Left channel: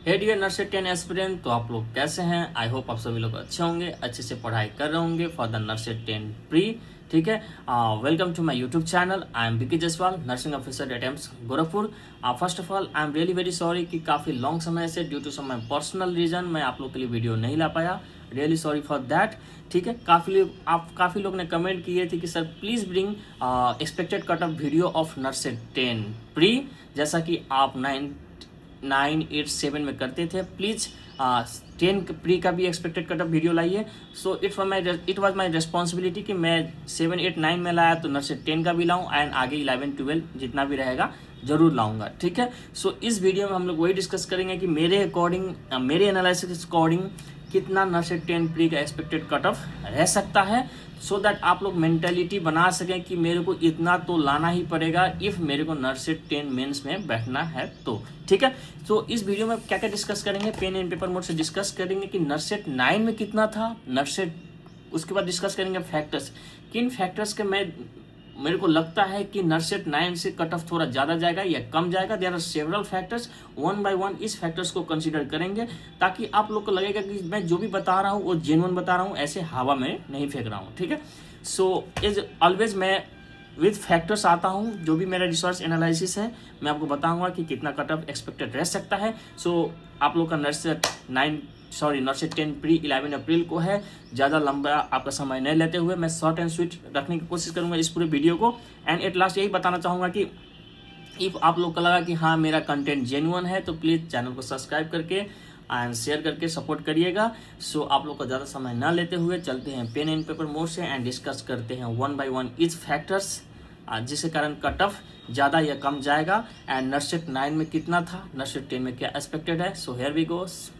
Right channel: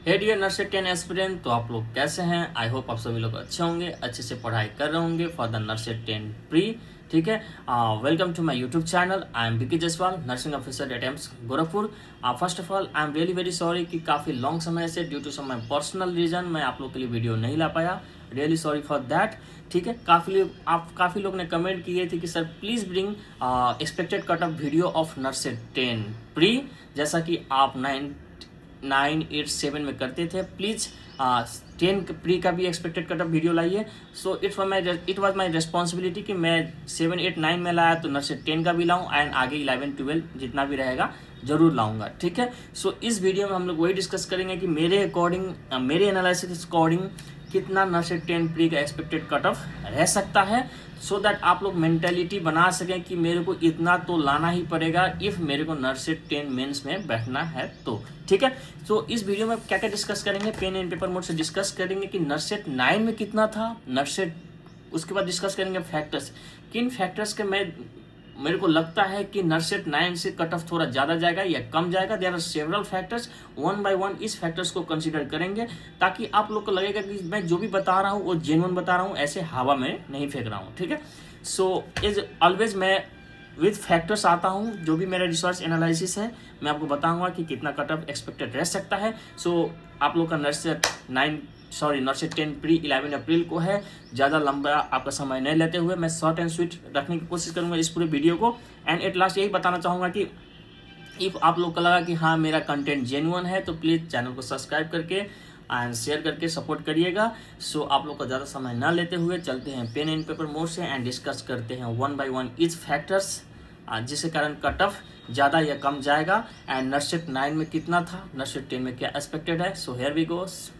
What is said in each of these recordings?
हे dear नर्सेट 10 aspirant, तो आप लोग कैसे हैं? आई होप आप सभी लोग अच्छे होंगे, अच्छे से पढ़ाई कर रहे होंगे फॉर द नर्सेट 10 प्री। ठीक है, welcome to my YouTube channel. I am BK Jaswal, nursing officer at AIIMS Gorakhpur. First of all I am really very sorry कि काफ़ी लॉन्ग समय से due to some my personal reason मैं आप लोग के लिए वीडियो नहीं ला पाया। Really sorry for that. ठीक है, काफ़ी लोग ने कमेंट किए थे कि sir please bring expected cut off video of NORCET 10 pre, जैसा कि आप 9, 8, 7 में करते थे। प्लीज 10 प्री का भी एक्सपेक्टेड कट ऑफ वीडियो लाइए। So it was my responsibility कि मैं 7, 8, 9 में लाया तो नर्सेट 10 का भी लाऊं एंड आगे 11, 12 जितना भी रहेगा जरूर लाऊंगा। ठीक है, सो इस वीडियो में हम लोग वही डिस्कस करेंगे कि मेरे अकॉर्डिंग, मेरे एनालिसिस अकॉर्डिंग कितना नर्सेट 10 प्री का एक्सपेक्टेड कट ऑफ रह सकता है, सो दैट आप लोग मेंटेलिटी बना सकें कि मेरे को इतना तो लाना ही पड़ेगा इफ मेरे को नर्सेट 10 मेंस में बैठना है तो। ठीक है, तो इस वीडियो में क्या क्या डिस्कस करेंगे, पेन एंड पेपर मोड से डिस्कस करेंगे कि नर्सेट 9 में कितना था नर्सेट, उसके बाद डिस्कस करेंगे फैक्टर्स, किन फैक्टर्स के मेरे को लगता है कि नर्सेट 9 से कट ऑफ थोड़ा ज्यादा जाएगा या कम जाएगा। There are several factors, one by one इस फैक्टर्स को कंसीडर करेंगे ताकि आप लोग को लगेगा कि मैं जो भी बता रहा हूँ वो जेन्युइन बता रहा हूँ, ऐसे हवा में नहीं फेंक रहा हूँ। ठीक है, सो इज ऑलवेज मैं विद फैक्टर्स आता हूँ, जो भी मेरा रिसर्च एनालिसिस है मैं आपको बताऊंगा कि कितना कट ऑफ एक्सपेक्टेड रह सकता है। सो आप लोग का नर्सेट 10 प्री 11 अप्रैल को है। ज़्यादा लंबा आपका समय नहीं लेते हुए मैं शॉर्ट एंड स्वीट रखने की कोशिश करूंगा इस पूरे वीडियो को। एंड एट लास्ट यही बताना चाहूँगा कि इफ आप लोग को लगा कि हाँ मेरा कंटेंट जेन्युइन है तो प्लीज़ चैनल को सब्सक्राइब करके एंड शेयर करके सपोर्ट करिएगा। सो आप लोग का ज़्यादा समय ना लेते हुए चलते हैं पेन एंड पेपर मोड से एंड डिस्कस करते हैं one by one etch factors, जिसके कारण कट ऑफ ज़्यादा या कम जाएगा एंड नर्सेट 9 में कितना था, नर्सेट 10 में क्या एक्सपेक्टेड है। सो हियर वी गोस।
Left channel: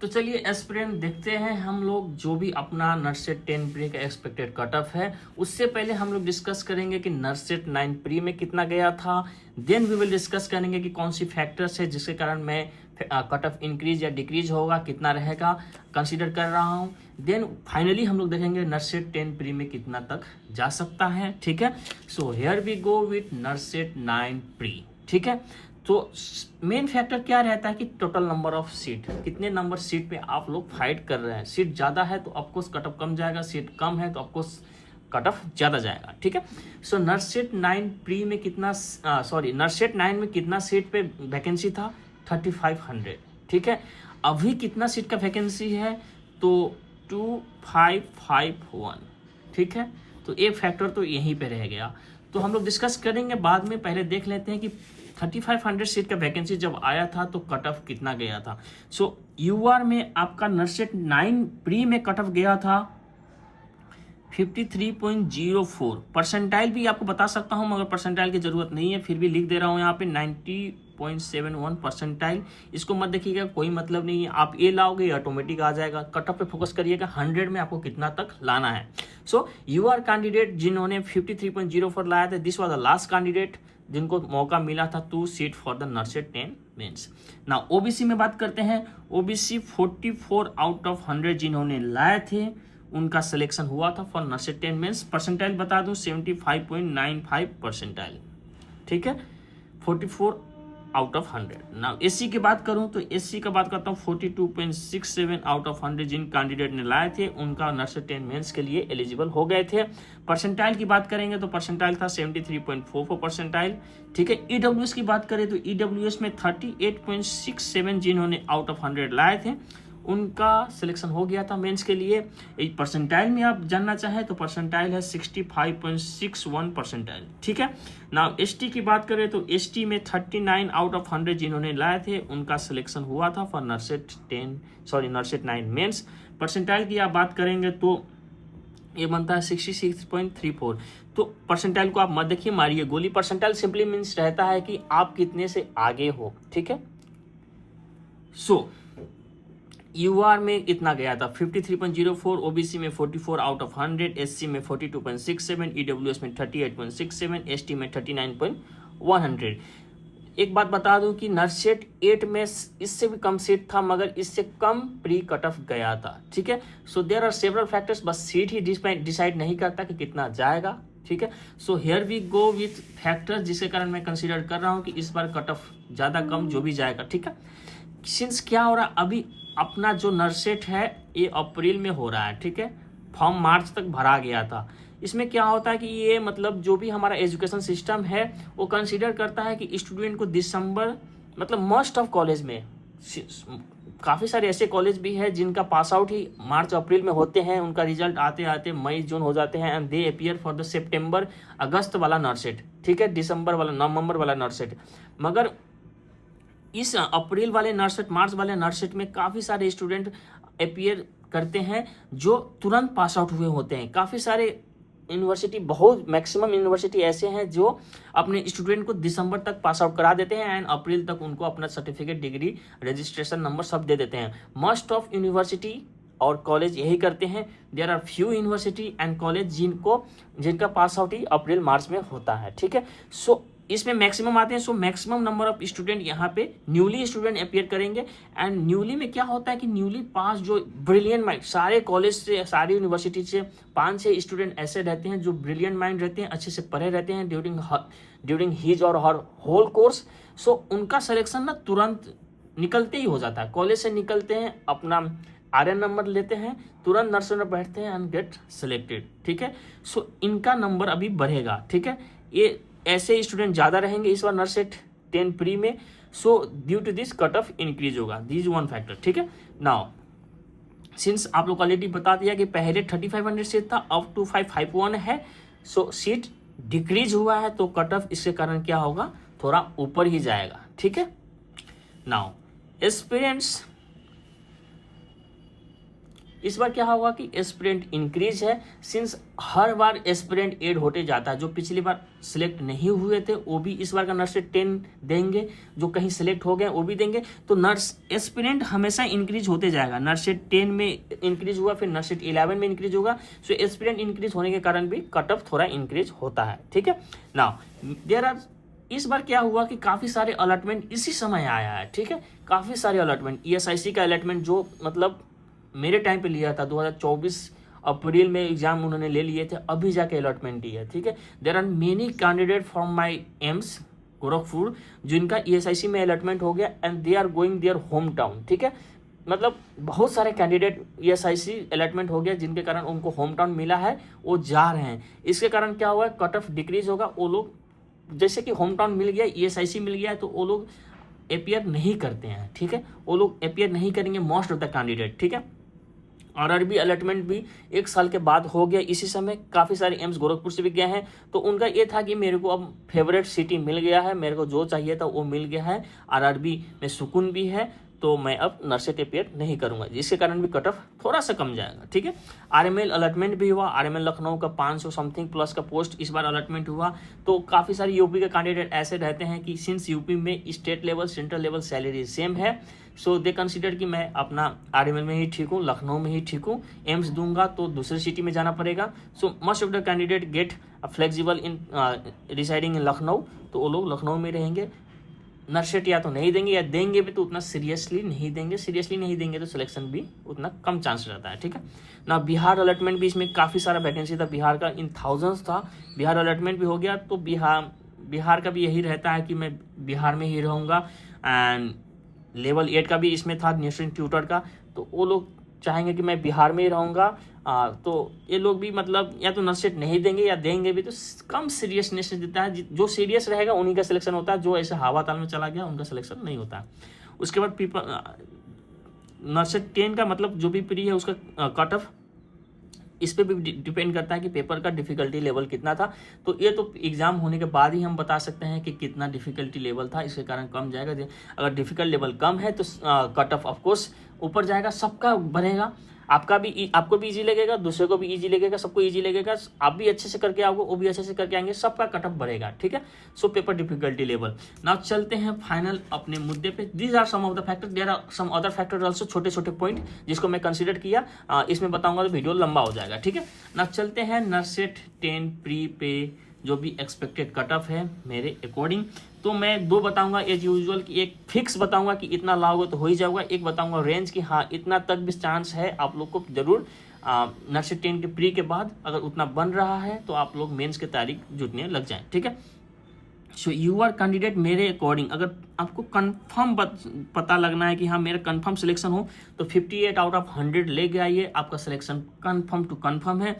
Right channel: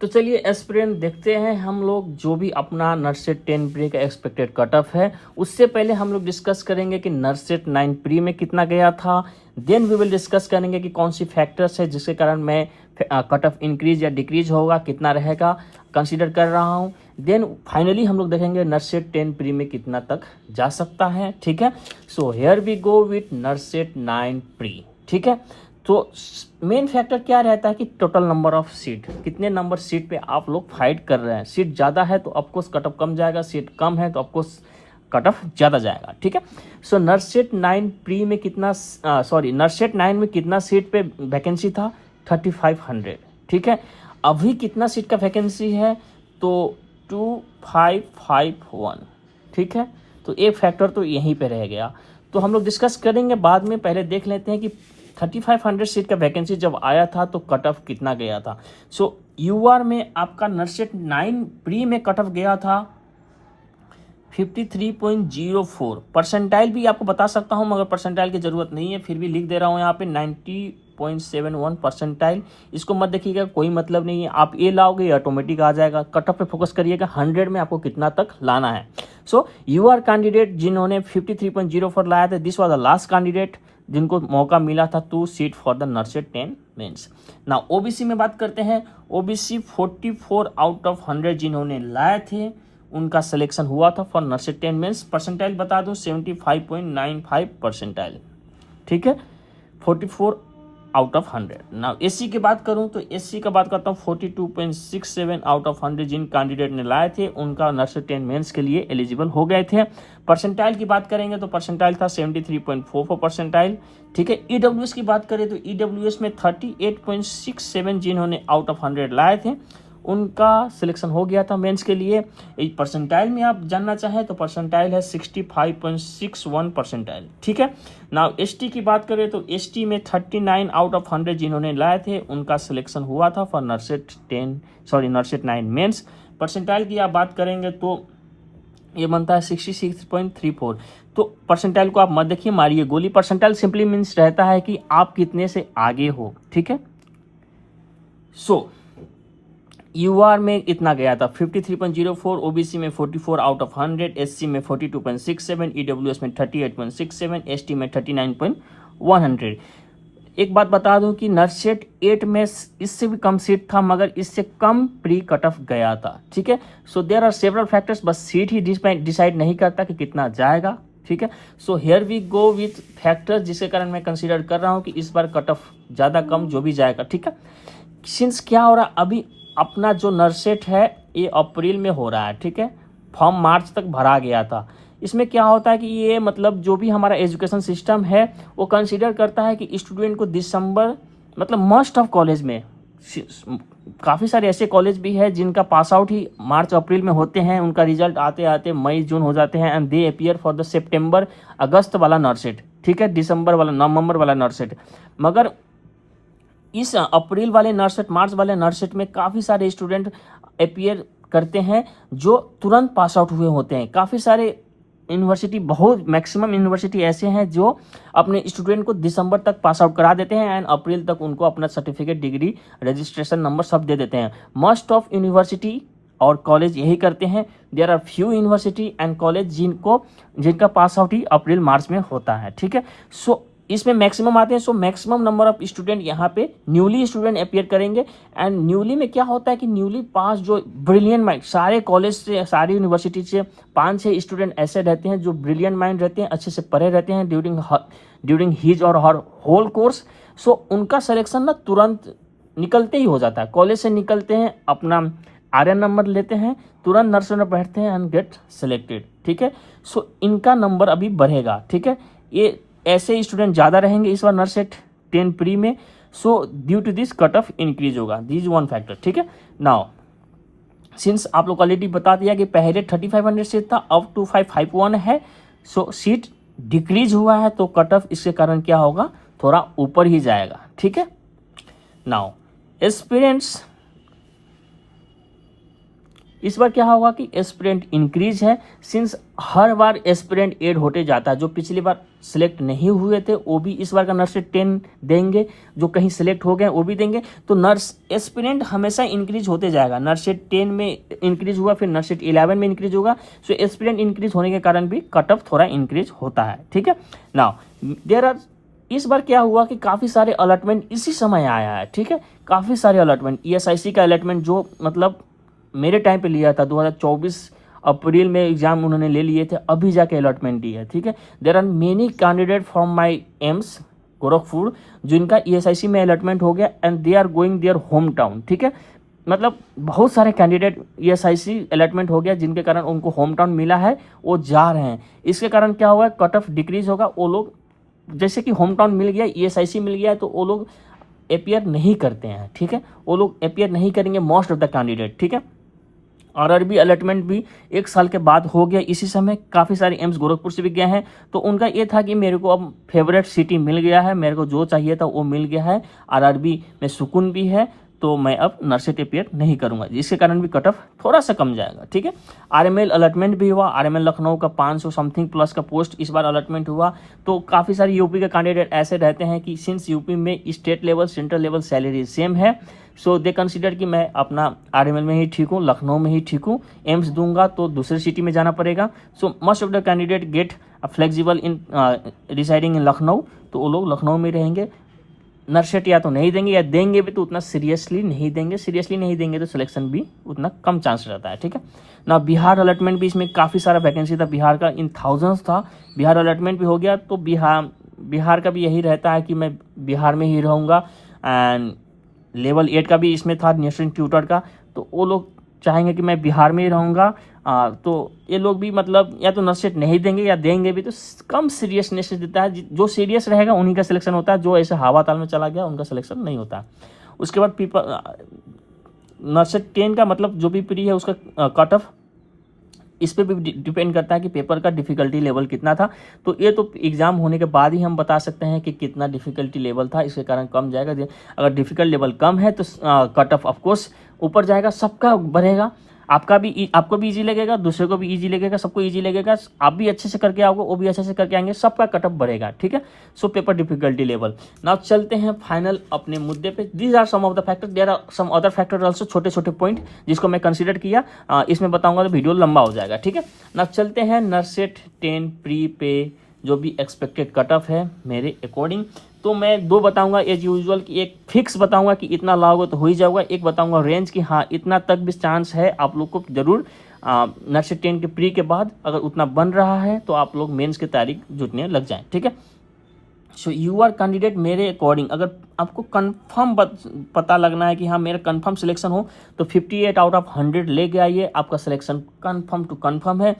तो चलिए एस्पिरेंट देखते हैं हम लोग जो भी अपना नर्सेट 10 प्री का एक्सपेक्टेड कट ऑफ है। उससे पहले हम लोग डिस्कस करेंगे कि नर्सेट 9 प्री में कितना गया था। देन वी विल डिस्कस करेंगे कि कौन सी फैक्टर्स है जिसके कारण मैं कट ऑफ इंक्रीज या डिक्रीज होगा, कितना रहेगा, कंसीडर कर रहा हूँ। देन फाइनली हम लोग देखेंगे नर्सेट 10 प्री में कितना तक जा सकता है। ठीक है, so here we go with NORCET 9 pre. ठीक है, तो मेन फैक्टर क्या रहता है कि टोटल नंबर ऑफ सीट, कितने नंबर सीट पे आप लोग फाइट कर रहे हैं। सीट ज़्यादा है तो ऑफकोर्स कट ऑफ कम जाएगा, सीट कम है तो ऑफकोर्स कट ऑफ ज़्यादा जाएगा। ठीक है, सो नर्सेट 9 प्री में कितना नर्सेट 9 में कितना सीट पे वैकेंसी था, 3500। ठीक है, अभी कितना सीट का वैकेंसी है तो 2551। ठीक है, तो एक फैक्टर तो यहीं पे रह गया, तो हम लोग डिस्कस करेंगे बाद में। पहले देख लेते हैं कि 3500 सीट का वैकेंसी जब आया था तो कट ऑफ कितना गया था। सो यूआर में आपका नर्सेट 9 प्री में कट ऑफ गया था 53.04। परसेंटाइल भी आपको बता सकता हूं मगर परसेंटाइल की जरूरत नहीं है, फिर भी लिख दे रहा हूं यहाँ पे 90.71 परसेंटाइल। इसको मत देखिएगा, कोई मतलब नहीं है, आप ये लाओगे ये ऑटोमेटिक आ जाएगा। कट ऑफ पे फोकस करिएगा, 100 में आपको कितना तक लाना है। सो यूआर कैंडिडेट जिन्होंने 53.04 लाया था, this was the last candidate जिनको मौका मिला था to seat for the NORCET 10 mains. ना ओबीसी में बात करते हैं, ओबीसी 44 आउट ऑफ 100 जिन्होंने लाए थे उनका सिलेक्शन हुआ था फॉर नर्सेट 10 मेंस। परसेंटाइल बता दूं 75.95 परसेंटाइल। ठीक है, 44 आउट ऑफ 100। ना एससी की बात करूं तो एससी का बात करता हूं 42.67 आउट ऑफ 100 जिन कैंडिडेट ने लाए थे उनका नर्सेट 10 मेंस के लिए एलिजिबल हो गए थे। परसेंटाइल की बात करेंगे तो परसेंटाइल था 73.44 परसेंटाइल। ठीक है, ईडब्ल्यूएस की बात करें तो ईडब्ल्यूएस में 38.67 जिन्होंने आउट ऑफ 100 लाए थे उनका सिलेक्शन हो गया था मेंस के लिए। परसेंटाइल में आप जानना चाहें तो परसेंटाइल है 65.61 परसेंटाइल। ठीक है, नाउ एसटी की बात करें तो एसटी में 39 आउट ऑफ 100 जिन्होंने लाए थे उनका सिलेक्शन हुआ था फॉर नर्सेट 9 मेंस। परसेंटाइल की आप बात करेंगे तो ये बनता है 66.34। तो परसेंटाइल को आप मत देखिए, मारिए गोली। परसेंटाइल सिंपली मीन्स रहता है कि आप कितने से आगे हो। ठीक है, सो यूआर में इतना गया था 53.04, ओबीसी में 44 आउट ऑफ 100, एससी में 42.67, ईडब्ल्यूएस में 38.67, एसटी में 39.100। एक बात बता दूं कि नर्सेट 8 में इससे भी कम सीट था मगर इससे कम प्री कट ऑफ गया था। ठीक है, so there are several factors, बस सीट ही डिसाइड नहीं करता कि कितना जाएगा ठीक है। So here we go with factors, जिसके कारण मैं कंसीडर कर रहा हूँ कि इस बार कट ऑफ ज़्यादा कम जो भी जाएगा, ठीक है। सिंस क्या हो रहा है, अभी अपना जो नर्सेट है ये अप्रैल में हो रहा है, ठीक है, फॉर्म मार्च तक भरा गया था। इसमें क्या होता है कि ये मतलब जो भी हमारा एजुकेशन सिस्टम है वो कंसीडर करता है कि स्टूडेंट को दिसंबर, मतलब मोस्ट ऑफ कॉलेज में काफ़ी सारे ऐसे कॉलेज भी है जिनका पास आउट ही मार्च अप्रैल में होते हैं, उनका रिजल्ट आते आते मई जून हो जाते हैं, and they appear for the सितंबर अगस्त वाला नर्सेट, ठीक है, दिसंबर वाला नवंबर वाला नर्सेट। मगर इस अप्रैल वाले नर्सेट, मार्च वाले नर्सेट में काफ़ी सारे स्टूडेंट अपियर करते हैं जो तुरंत पास आउट हुए होते हैं। काफ़ी सारे यूनिवर्सिटी, बहुत मैक्सिमम यूनिवर्सिटी ऐसे हैं जो अपने स्टूडेंट को दिसंबर तक पास आउट करा देते हैं एंड अप्रैल तक उनको अपना सर्टिफिकेट, डिग्री, रजिस्ट्रेशन नंबर सब दे देते हैं। मोस्ट ऑफ यूनिवर्सिटी और कॉलेज यही करते हैं। There are few university and college जिनका पास आउट ही अप्रैल मार्च में होता है, ठीक है। सो इसमें मैक्सिमम आते हैं। So maximum number of student यहाँ पे न्यूली स्टूडेंट अपियर करेंगे। एंड न्यूली में क्या होता है कि न्यूली पास जो ब्रिलियंट माइंड, सारे कॉलेज से, सारी यूनिवर्सिटी से 5-6 स्टूडेंट ऐसे रहते हैं जो ब्रिलियंट माइंड रहते हैं, अच्छे से पढ़े रहते हैं ड्यूरिंग हिज और हर होल कोर्स। सो उनका सिलेक्शन ना तुरंत निकलते ही हो जाता है। कॉलेज से निकलते हैं, अपना आर्यन नंबर लेते हैं, तुरंत नर्सरी में बैठते हैं एंड गेट सेलेक्टेड, ठीक है। सो इनका नंबर अभी बढ़ेगा, ठीक है। ये ऐसे स्टूडेंट ज़्यादा रहेंगे इस बार नर्सेट 10 प्री में। So due to this cut off increase होगा, दिस वन फैक्टर, ठीक है। नाउ सिंस आप लोग ऑलरेडी बता दिया कि पहले 3500 सीट था, अब 2551 है। सो सीट डिक्रीज हुआ है तो कट ऑफ इसके कारण क्या होगा, थोड़ा ऊपर ही जाएगा, ठीक है। नाउ एस्पिरेंट्स, इस बार क्या होगा कि एस्पिरेंट इंक्रीज है। सिंस हर बार एस्पिरेंट ऐड होते जाता है, जो पिछली बार सिलेक्ट नहीं हुए थे वो भी इस बार का नर्सेट 10 देंगे, जो कहीं सिलेक्ट हो गए वो भी देंगे। तो नर्स एस्पिरेंट हमेशा इंक्रीज होते जाएगा। नर्सेट 10 में इंक्रीज हुआ, फिर नर्सेट 11 में इंक्रीज होगा। सो एस्पिरेंट इंक्रीज होने के कारण भी कट ऑफ थोड़ा इंक्रीज होता है, ठीक है। नाउ देयर आर, इस बार क्या हुआ कि काफ़ी सारे अलॉटमेंट इसी समय आया है, ठीक है। काफ़ी सारे अलॉटमेंट, ESIC का अलॉटमेंट जो मतलब मेरे टाइम पे लिया था 2024 अप्रैल में एग्जाम उन्होंने ले लिए थे, अभी जाके अलॉटमेंट दी है, ठीक है। There are many candidate from my AIIMS Gorakhpur जिनका ESIC में अलॉटमेंट हो गया and they are going there home town, ठीक है। मतलब बहुत सारे कैंडिडेट ESIC अलॉटमेंट हो गया जिनके कारण उनको होम टाउन मिला है, वो जा रहे हैं। इसके कारण क्या हुआ, कट ऑफ डिक्रीज होगा। वो लोग जैसे कि होम टाउन मिल गया, ESIC मिल गया, तो वो लोग अपियर नहीं करते हैं, ठीक है। वो लोग अपियर नहीं करेंगे मोस्ट ऑफ द कैंडिडेट, ठीक है। RRB अलॉटमेंट भी 1 साल के बाद हो गया इसी समय। काफ़ी सारे एम्स गोरखपुर से भी गए हैं, तो उनका ये था कि मेरे को अब फेवरेट सिटी मिल गया है, मेरे को जो चाहिए था वो मिल गया है, RRB में सुकून भी है, तो मैं अब नर्सेट अपियर नहीं करूंगा, जिसके कारण भी कट ऑफ थोड़ा सा कम जाएगा, ठीक है। RML अलॉटमेंट भी हुआ, RML लखनऊ का 500 समथिंग प्लस का पोस्ट इस बार अलॉटमेंट हुआ। तो काफ़ी सारे यूपी के कैंडिडेट ऐसे रहते हैं कि सिंस यूपी में state level, central level salary same है, सो दे कंसिडर कि मैं अपना RML में ही ठीक हूँ, लखनऊ में ही ठीक हूँ, एम्स दूंगा तो दूसरे सिटी में जाना पड़ेगा। So most of the candidate get flexible in residing in Lucknow, तो वो लोग लखनऊ में रहेंगे। नर्सेट या तो नहीं देंगे, या देंगे भी तो उतना सीरियसली नहीं देंगे, तो सिलेक्शन भी उतना कम चांस रहता है, ठीक है ना। बिहार अलॉटमेंट भी, इसमें काफ़ी सारा वैकेंसी था बिहार का, इन थाउजेंड्स था। बिहार अलॉटमेंट भी हो गया, तो बिहार का भी यही रहता है कि मैं बिहार में ही रहूँगा। एंड लेवल 8 का भी इसमें था, नेशनल ट्यूटर का, तो वो लोग चाहेंगे कि मैं बिहार में ही रहूँगा। तो ये लोग भी मतलब या तो नर्सेट नहीं देंगे, या देंगे भी तो कम सीरियसनेस देता है। जो सीरियस रहेगा उन्हीं का सिलेक्शन होता है, जो ऐसे हवा ताल में चला गया उनका सिलेक्शन नहीं होता। उसके बाद नर्सेट 10 का मतलब जो भी प्री है उसका कट ऑफ इस पर भी डिपेंड करता है कि पेपर का डिफ़िकल्टी लेवल कितना था। तो ये तो एग्ज़ाम होने के बाद ही हम बता सकते हैं कि कितना डिफ़िकल्टी लेवल था, इसके कारण कम जाएगा। अगर डिफ़िकल्ट लेवल कम है तो कट ऑफ ऑफकोर्स ऊपर जाएगा, सबका बढ़ेगा। आपको भी इजी लगेगा, दूसरे को भी इजी लगेगा, सबको इजी लगेगा। आप भी अच्छे से करके आओगे, वो भी अच्छे से करके आएंगे, सबका कट ऑफ बढ़ेगा, ठीक है। So paper difficulty level. Now चलते हैं फाइनल अपने मुद्दे पे। These are some of the factor, there are some other factor also, छोटे छोटे पॉइंट जिसको मैं कंसिडर किया, इसमें बताऊंगा तो वीडियो लंबा हो जाएगा, ठीक है। नाउ चलते हैं नर्सेट 10 प्री पे जो भी एक्सपेक्टेड कट ऑफ है मेरे अकॉर्डिंग। तो मैं 2 बताऊंगा एज यूजुअल की, एक फिक्स बताऊंगा कि इतना लाओगे तो हो ही जाएगा, एक बताऊंगा रेंज की हाँ इतना तक भी चांस है, आप लोग को जरूर नर्सिंग 10 के प्री के बाद अगर उतना बन रहा है तो आप लोग मेंस की तैयारी जुटने लग जाएं, ठीक है। सो यू आर कैंडिडेट मेरे अकॉर्डिंग, अगर आपको कंफर्म पता लगना है कि हाँ मेरा कंफर्म सिलेक्शन हो तो 58 आउट ऑफ 100 लेके आइए, आपका सिलेक्शन कंफर्म टू कंफर्म है।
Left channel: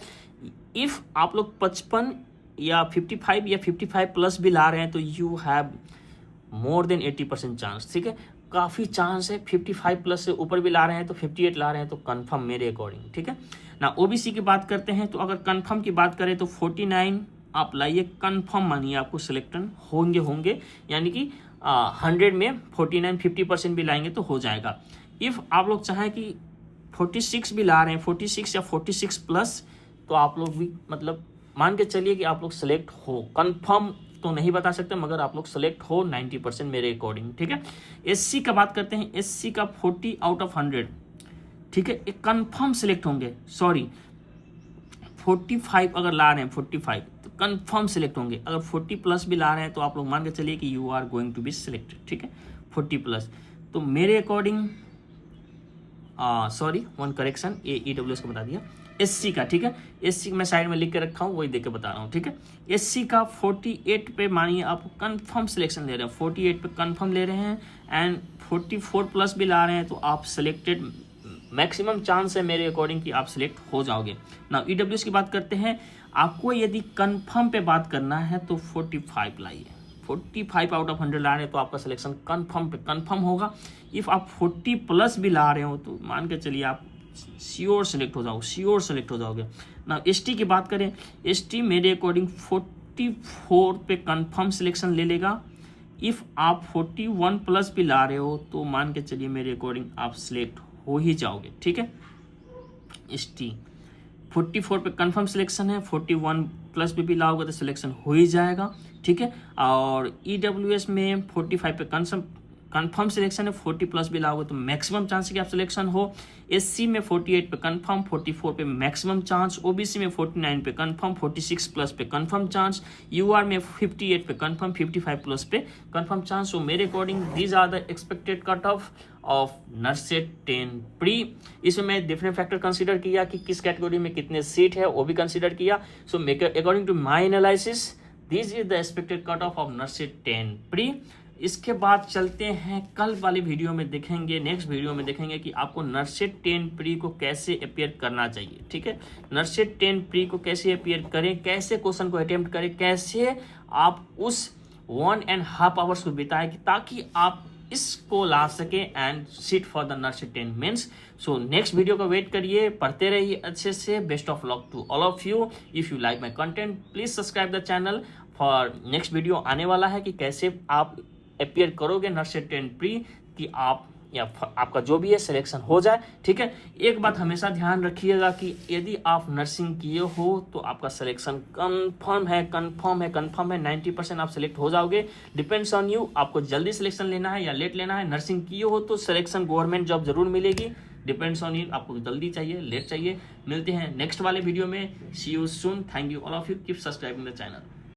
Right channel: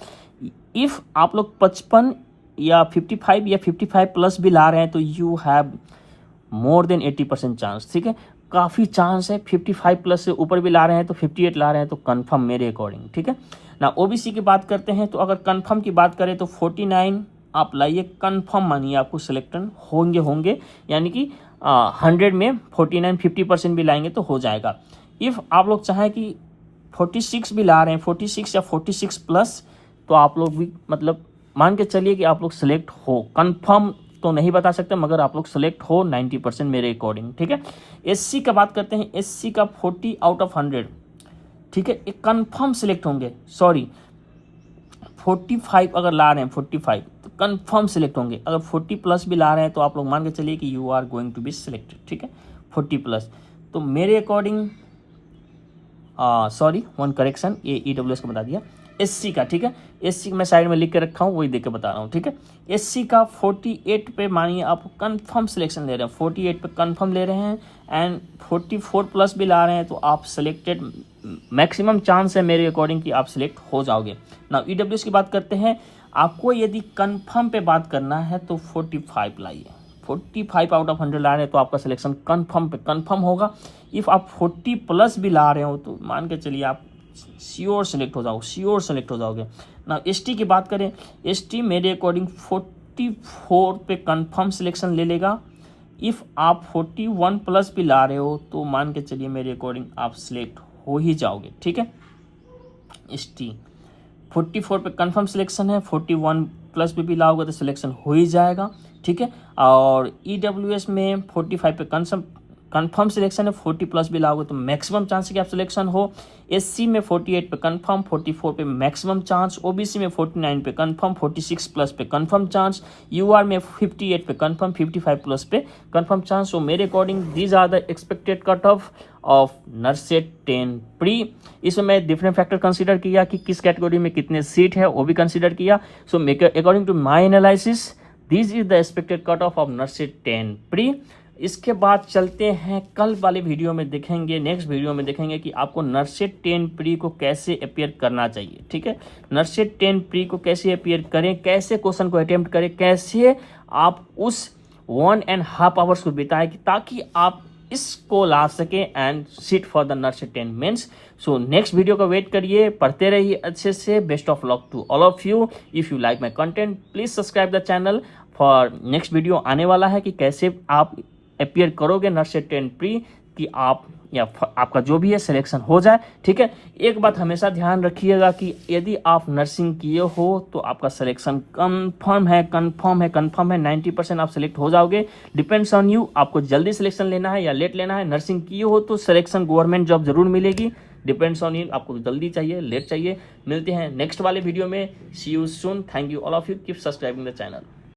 इफ़ आप लोग 55 या 55 या 55 प्लस भी ला रहे हैं तो you have more than 80% chance, ठीक है, काफ़ी चांस है। 55 प्लस से ऊपर भी ला रहे हैं तो 58 ला रहे हैं तो कंफर्म मेरे अकॉर्डिंग, ठीक है ना। ओबीसी की बात करते हैं तो अगर कंफर्म की बात करें तो 49 आप लाइए, कंफर्म मानिए आपको सिलेक्शन होंगे, यानी कि 100 में 49 50% भी लाएंगे तो हो जाएगा। इफ़ आप लोग चाहें कि 46 भी ला रहे हैं, 46 या 46 प्लस, तो आप लोग भी मतलब मान के चलिए कि आप लोग सेलेक्ट हो, कंफर्म तो नहीं बता सकते मगर आप लोग सेलेक्ट हो 90% मेरे अकॉर्डिंग, ठीक है। एससी का बात करते हैं, एससी का 40 आउट ऑफ 100, ठीक है, एक कंफर्म सेलेक्ट होंगे। सॉरी 45 अगर ला रहे हैं 45 तो कंफर्म सेलेक्ट होंगे। अगर 40 प्लस भी ला रहे हैं तो आप लोग मान के चलिए कि you are going to be selected, ठीक है, 40 प्लस। तो मेरे अकॉर्डिंग सॉरी वन करेक्शन, ये ईडब्ल्यूएस का बता दिया, एससी का, ठीक है, एससी मैं साइड में लिख के रखा हूँ, वही देख के बता रहा हूँ, ठीक है। एससी का 48 पे मानिए आप कंफर्म सिलेक्शन ले रहे हैं, 48 पे कंफर्म ले रहे हैं एंड 44 प्लस भी ला रहे हैं तो आप सिलेक्टेड, मैक्सिमम चांस है मेरे अकॉर्डिंग कि आप सिलेक्ट हो जाओगे ना। ईडब्ल्यूएस की बात करते हैं, आपको यदि कंफर्म पे बात करना है तो 45 लाइए, 45 आउट ऑफ 100 ला रहे हैं तो आपका सिलेक्शन कंफर्म पे कंफर्म होगा। इफ़ आप 40 प्लस भी ला रहे हो तो मान के चलिए आप श्योर सेलेक्ट हो जाओगे ना। एसटी की बात करें, एसटी मेरे अकॉर्डिंग 44 पे कंफर्म सिलेक्शन ले लेगा। इफ़ आप 41 प्लस भी ला रहे हो तो मान के चलिए मेरे अकॉर्डिंग आप सिलेक्ट हो ही जाओगे, ठीक है। एसटी 44 पे कंफर्म सिलेक्शन है, 41 प्लस भी लाओगे तो सिलेक्शन हो ही जाएगा, ठीक है। और ईडब्ल्यूएस में 45 पे कंफर्म सिलेक्शन है, 40 प्लस भी लाओगे तो मैक्सिमम चांस है कि आप सिलेक्शन हो। एससी में 48 पे कंफर्म, 44 पे मैक्सिमम चांस। ओबीसी में 49 पे कंफर्म, 46 प्लस पे कंफर्म चांस। यूआर में 58 पे कंफर्म, 55 प्लस पे कंफर्म चांस। सो मेरे according these are the expected cut off NORCET 10 pre. इसमें मैं डिफरेंट फैक्टर कंसीडर किया कि किस कैटेगरी में कितने सीट है, वो भी कंसीडर किया। So according to my analysis this is the expected cut off NORCET 10 pre. इसके बाद चलते हैं कल वाले वीडियो में देखेंगे, नेक्स्ट वीडियो में देखेंगे कि आपको नर्सेट 10 प्री को कैसे अपियर करना चाहिए, ठीक है। नर्सेट 10 प्री को कैसे अपियर करें, कैसे क्वेश्चन को अटेम्प्ट करें, कैसे आप उस 1.5 आवर्स को बिताएं ताकि आप इसको ला सके and sit for the NORCET 10 mains. So next video का वेट करिए, पढ़ते रहिए अच्छे से। Best of luck to all of you. If you like my content please subscribe the channel for next video आने वाला है कि कैसे आप अपियर करोगे नर्सेट 10 प्री कि आप या आपका जो भी है सिलेक्शन हो जाए, ठीक है। एक बात हमेशा ध्यान रखिएगा कि यदि आप नर्सिंग किए हो तो आपका सिलेक्शन कंफर्म है 90% आप सिलेक्ट हो जाओगे। डिपेंड्स ऑन यू, आपको जल्दी सिलेक्शन लेना है या लेट लेना है। नर्सिंग किए हो तो सिलेक्शन गवर्नमेंट जॉब जरूर मिलेगी। डिपेंड्स ऑन यू, आपको जल्दी चाहिए लेट चाहिए। मिलते हैं नेक्स्ट वाले वीडियो में। See you soon. Thank you all of you. Keep subscribing the channel.